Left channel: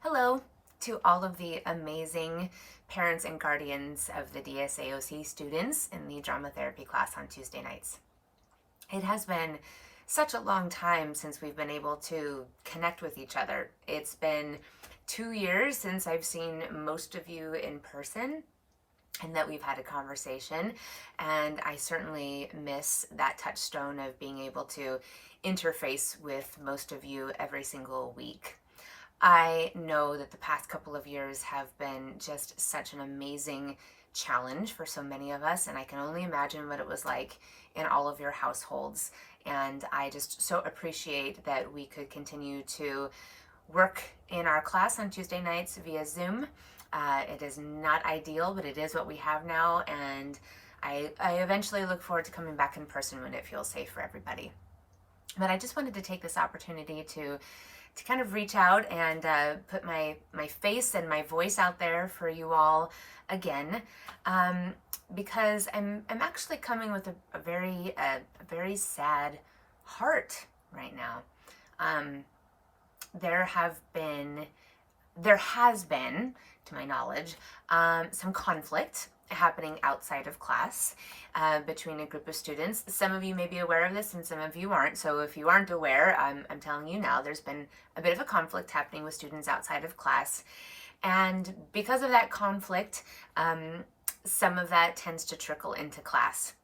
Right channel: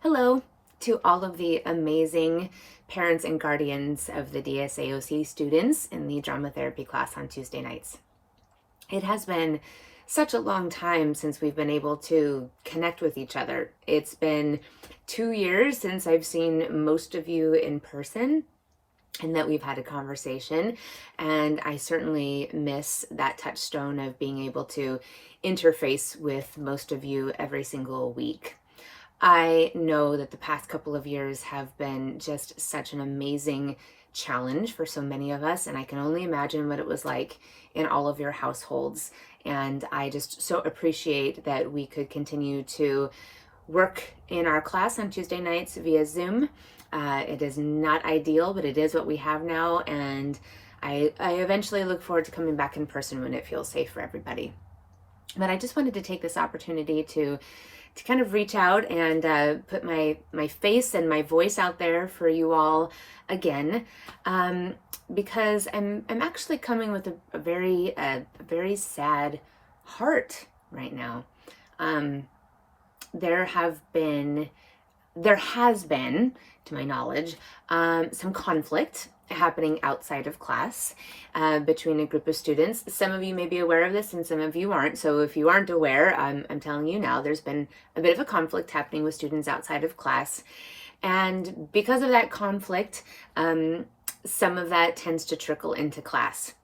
Hello to all of the amazing parents and guardians of the DSAOC students in the drama therapy class on Tuesday nights. It has been such a long time since we've been able to connect with each other. It's been 2 years since I've seen most of you in person and that we've had a conversation. And I certainly miss that touchstone of being able to interface with most of you every single week. I know that the past couple of years have been just such an amazing challenge for so many of us, and I can only imagine what it was like in all of your households. And I just so appreciate that we could continue to work in our class on Tuesday nights via Zoom. It is not ideal, but it is what we have now, and I eventually look forward to coming back in person when it feels safe for everybody. But I just wanted to take this opportunity to kind of reach out and put my face and my voice out there for you all again, because I'm actually coming with a very sad heart right now. There has been, to my knowledge, some conflict happening outside of class between a group of students. Some of you may be aware of this and some of you aren't. So if you aren't aware, I'm telling you now, there's been a bit of a conflict happening with students outside of class. And because of that conflict, some of that tends to trickle into class.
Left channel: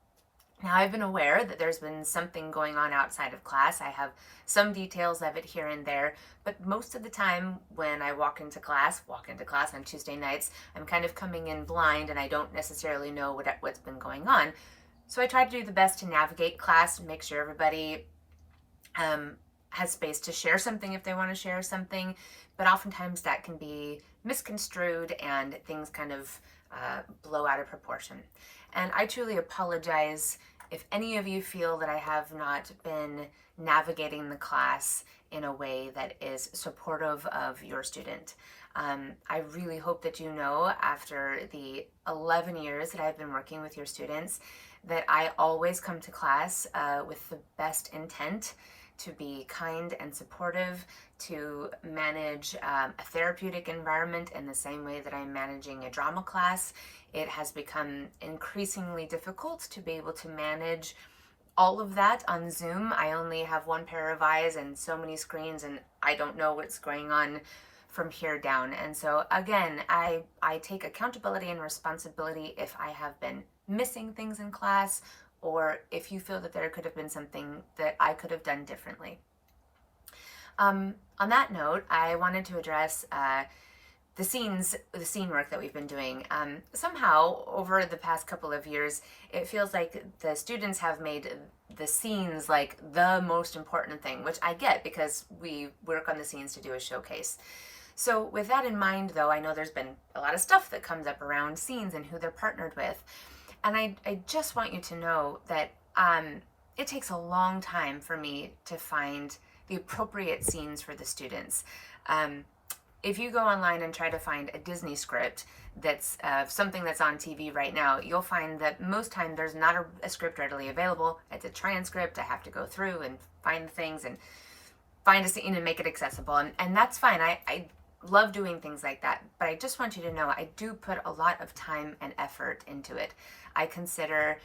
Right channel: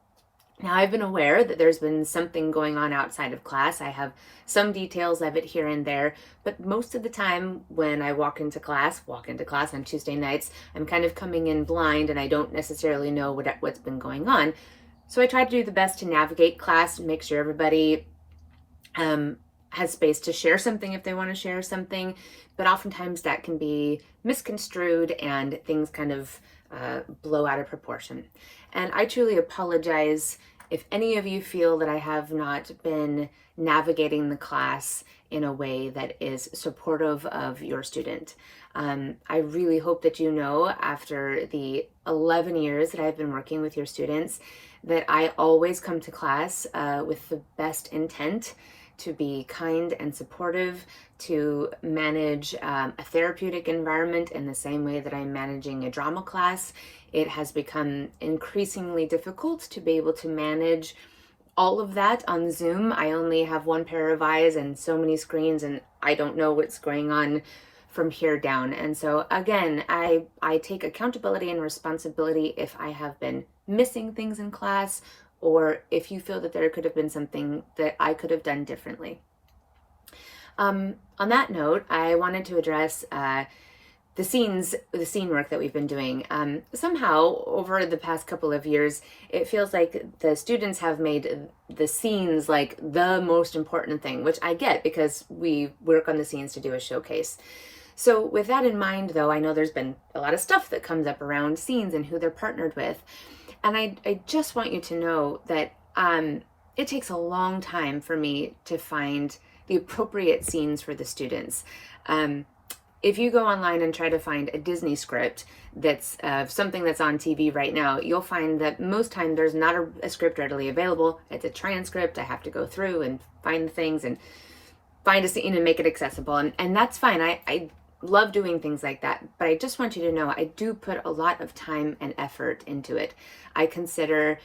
Now, I've been aware that there's been something going on outside of class. I have some details of it here and there, but most of the time when I walk into class on Tuesday nights, I'm kind of coming in blind and I don't necessarily know what's been going on. So I try to do the best to navigate class and make sure everybody has space to share something if they want to share something, but oftentimes that can be misconstrued and things kind of blow out of proportion. And I truly apologize if any of you feel that I have not been navigating the class in a way that is supportive of your student. I really hope that you know, after the 11 years that I've been working with your students, that I always come to class with the best intent to be kind and supportive, to manage a therapeutic environment in the same way that I'm managing a drama class. It has become increasingly difficult to be able to manage all of that on Zoom. I only have one pair of eyes and so many screens, and I don't know what's going on from here down. And so again, I take accountability and responsibility if I have been missing things in class, or if you feel that there could have been something that I could have done differently. On that note, I wanted to address the scene work that we've been doing. Somehow, over the past couple of years, it feels like the students have made the scenes like the most important thing, which I get because we work on the scenes to do a showcase. So with that in mind, though, I know there's been a lot of stuff that comes up around scenes and who they're partnered with. And I just want you to know that it takes a long time for me to find the appropriate scenes for the students. If you go online and try to find a Disney script that's something that's on TV right now, you'll find that most time there's not a script readily available. It's a transcript. I have to go through and find things and find a scene and make it accessible. And that's fine. I love doing things like that. But I just want you to know I do put a lot of time and effort into it. I consider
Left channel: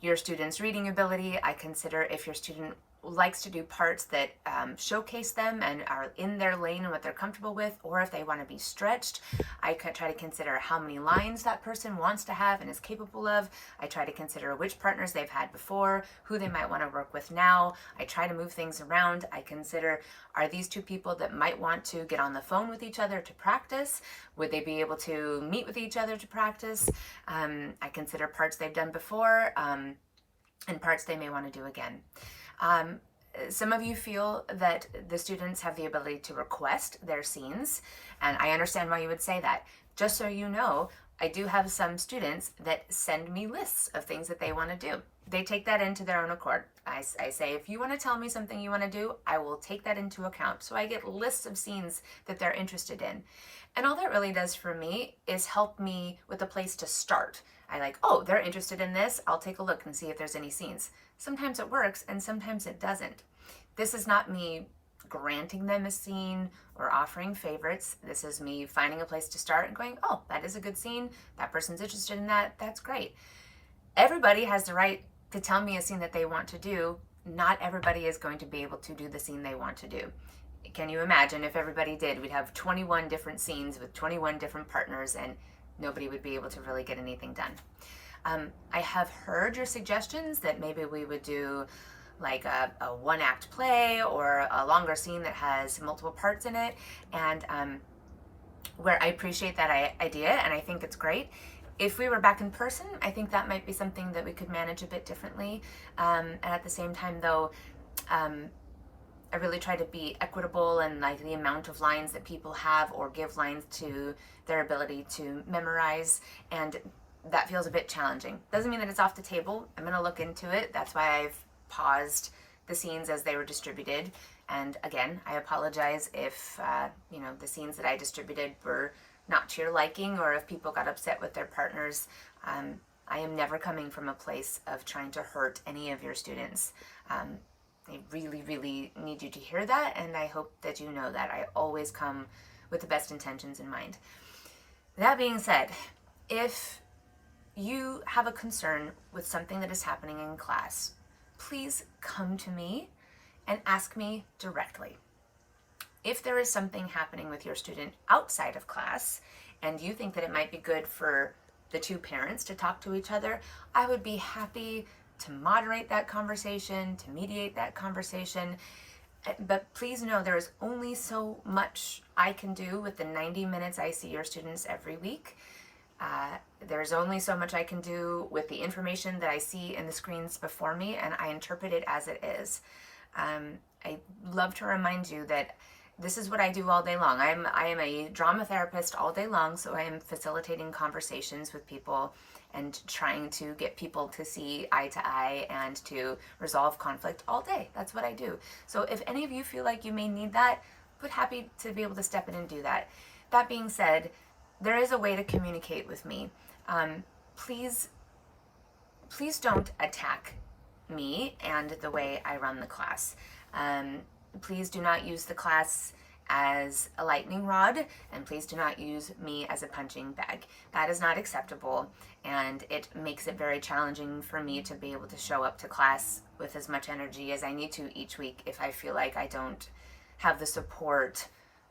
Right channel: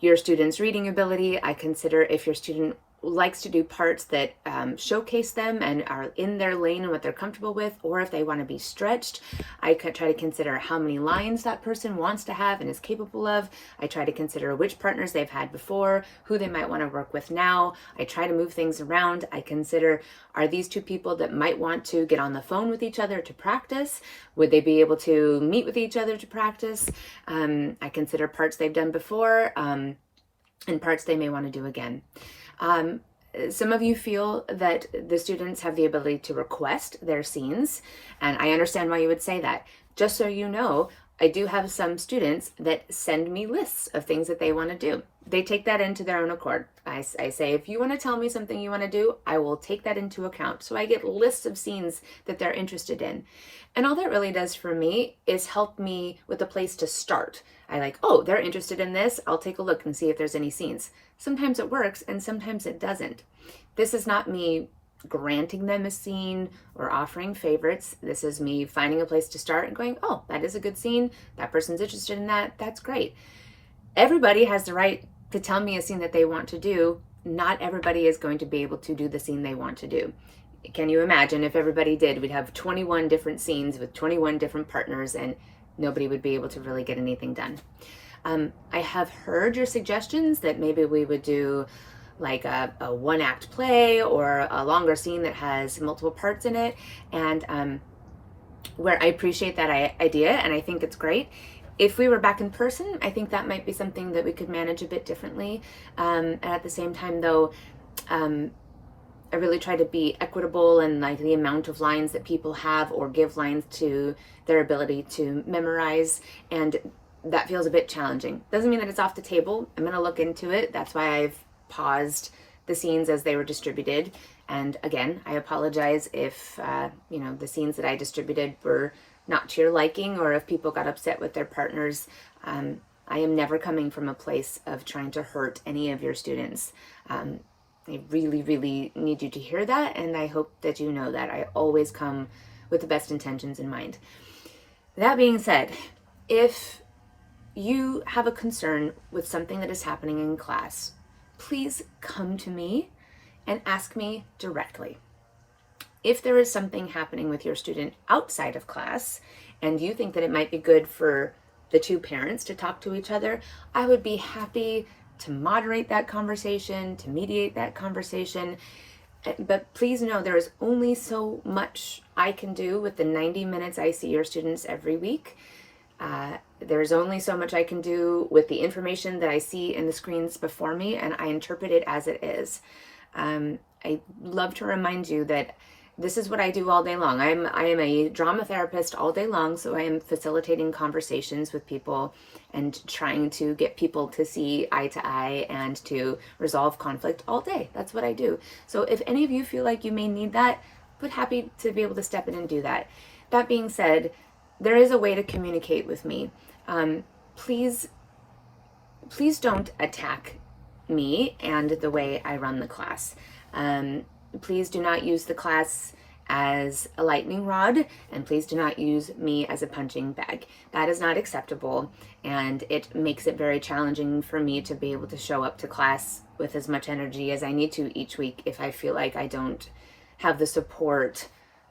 your student's reading ability. I consider if your student likes to do parts that showcase them and are in their lane and what they're comfortable with, or if they want to be stretched. I could try to consider how many lines that person wants to have and is capable of. I try to consider which partners they've had before, who they might want to work with now. I try to move things around. I consider, are these two people that might want to get on the phone with each other to practice? Would they be able to meet with each other to practice? I consider parts they've done before and parts they may want to do again. Some of you feel that the students have the ability to request their scenes, and I understand why you would say that. Just so you know, I do have some students that send me lists of things that they want to do. They take that into their own accord. I say, if you want to tell me something you want to do, I will take that into account. So I get lists of scenes that they're interested in. And all that really does for me is help me with a place to start. I like, oh, they're interested in this. I'll take a look and see if there's any scenes. Sometimes it works and sometimes it doesn't. This is not me granting them a scene or offering favorites. This is me finding a place to start and going, oh, that is a good scene. That person's interested in that. That's great. Everybody has the right to tell me a scene that they want to do. Not everybody is going to be able to do the scene they want to do. Can you imagine if everybody did? We'd have 21 different scenes with 21 different partners, and nobody would be able to really get anything done. I have heard your suggestions that maybe we would do like a one-act play or a longer scene that has multiple parts in it, and where I appreciate that idea, and I think it's great. If we were back in person, I think that might be something that we could manage a bit differently. And at the same time, though, I really try to be equitable in like the amount of lines that people have or give lines to their ability to memorize, and that feels a bit challenging. Doesn't mean that it's off the table. I'm going to look into it. That's why I've paused the scenes as they were distributed. And again, I apologize if the scenes that I distributed were not to your liking, or if people got upset with their partners. I am never coming from a place of trying to hurt any of your students. I really, really need you to hear that, and I hope that you know that I always come with the best intentions in mind. That being said, if you have a concern with something that is happening in class, please come to me and ask me directly. If there is something happening with your student outside of class and you think that it might be good for the two parents to talk to each other, I would be happy to moderate that conversation, to mediate that conversation. But please know there is only so much I can do with the 90 minutes I see your students every week. There's only so much I can do with the information that I see in the screens before me, and I interpret it as it is. I love to remind you that this is what I do all day long. I am a drama therapist all day long, so I am facilitating conversations with people and trying to get people to see eye to eye and to resolve conflict all day. That's what I do. So if any of you feel like you may need that, but happy to be able to step in and do that. That being said, there is a way to communicate with me. Please don't attack me and the way I run the class. Please do not use the class as a lightning rod, and please do not use me as a punching bag. That is not acceptable, and it makes it very challenging for me to be able to show up to class with as much energy as I need to each week if I feel like I don't have the support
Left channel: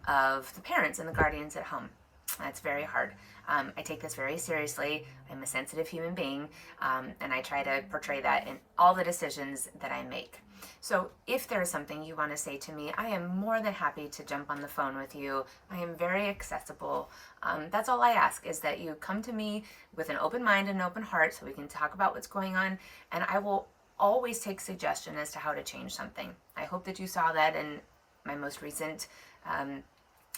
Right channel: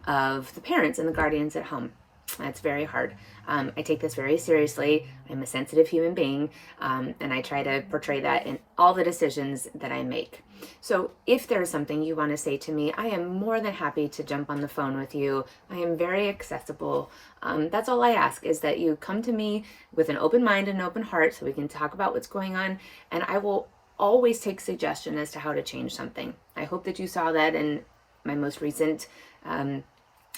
of the parents and the guardians at home. That's very hard. I take this very seriously. I'm a sensitive human being, and I try to portray that in all the decisions that I make. So if there's something you want to say to me, I am more than happy to jump on the phone with you. I am very accessible. That's all I ask, is that you come to me with an open mind and an open heart so we can talk about what's going on, and I will always take suggestion as to how to change something. I hope that you saw that in my most recent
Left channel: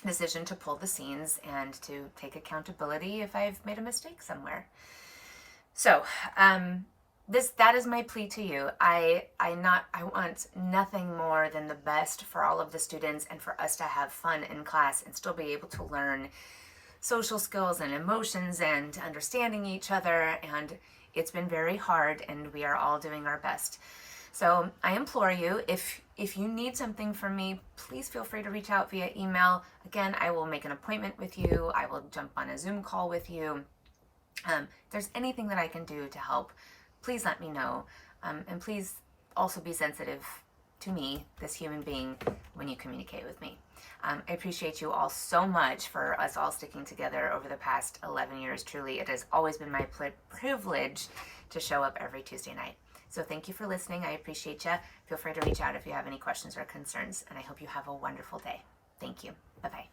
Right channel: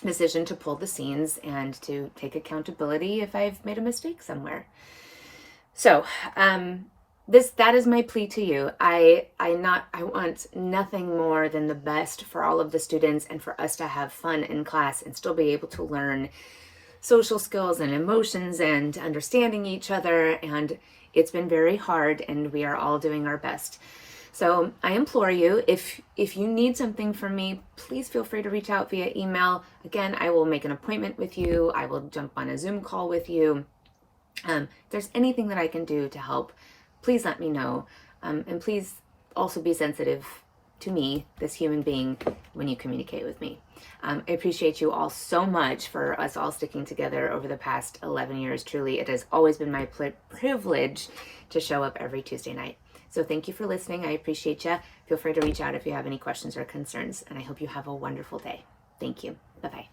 decision to pull the scenes and to take accountability if I've made a mistake somewhere. So that is my plea to you. I want nothing more than the best for all of the students and for us to have fun in class and still be able to learn social skills and emotions and understanding each other. And it's been very hard, and we are all doing our best. So I implore you, if you need something from me, please feel free to reach out via email. Again, I will make an appointment with you. I will jump on a Zoom call with you. If there's anything that I can do to help, please let me know. And please also be sensitive to me, this human being, when you communicate with me. I appreciate you all so much for us all sticking together over the past 11 years. Truly, it has always been my privilege to show up every Tuesday night. So thank you for listening. I appreciate you. Feel free to reach out if you have any questions or concerns, and I hope you have a wonderful day. Thank you. Bye-bye.